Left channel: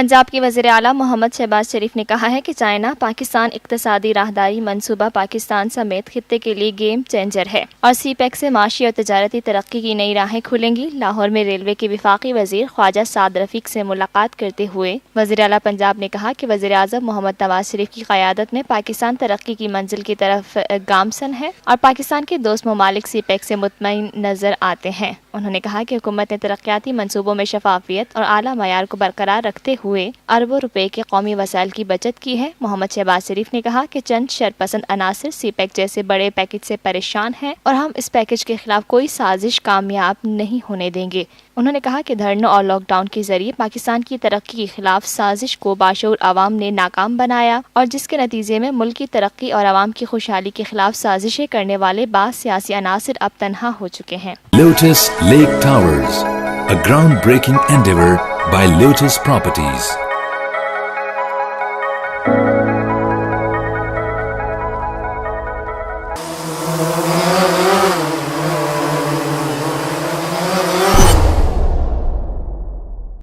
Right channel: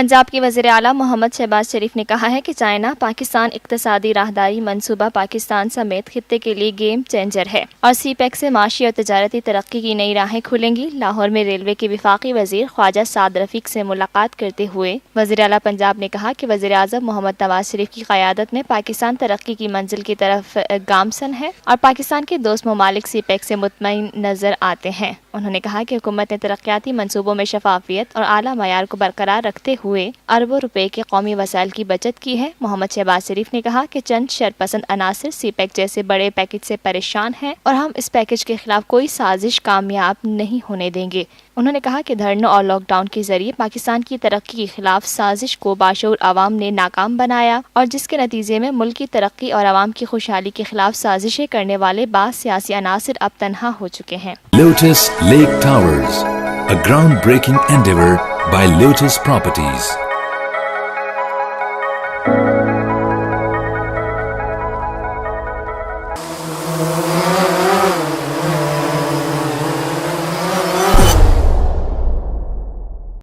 پنجاب کے وزیر اعلیٰ محمد شہباز شریف نے کہا ہے کہ چائنا پاکستان اقتصادی راہداری منصوبہ پاکستان سمیت خطے کے لیے گیم چینجر ہے اور سی پیک سے معاشی اور تجارتی ترقی کی نئی راہیں کھلیں گی۔ لاہور میں ریلوے کے وفاقی وزیر خواجہ سعد رفیق سے ملاقات کرتے ہوئے وزیر اعلیٰ پنجاب نے کہا کہ وزیر اعظم محمد نواز شریف کی قیادت میں پاکستان ترقی کی منزل کی طرف گامزن ہے اور پاکستان کے دوست ممالک سی پیک سے مطمئن نظر آتے ہیں۔ انہوں نے کہا کہ حکومت نے ترقیاتی منصوبوں میں شفافیت اور اعلیٰ معیار کو برقرار رکھتے ہوئے اربوں روپے کے قومی وسائل کی بچت کی ہے۔ محمد شہباز شریف نے کہا کہ چند شرپسند عناصر سی پیک جیسے بڑے پیکج سے پریشان ہیں اور ہم اس پیکج کے خلاف کوئی سازش کامیاب نہیں ہونے دیں گے۔ انہوں نے کہا کہ دھرنوں اور لاک ڈاؤن کے ذریعے پاکستان کی ترقی کے خلاف سازش کو باشعور عوام نے ناکام بنایا اور جس کے نتیجے میں ملک کی ترقی اور عوام کی خوشحالی کے خلاف سازشیں کرنے والے بعض سیاسی عناصر اب تنہا ہو چکے ہیں۔ Lotus Lake Towers, a groundbreaking endeavor by Lotus Properties.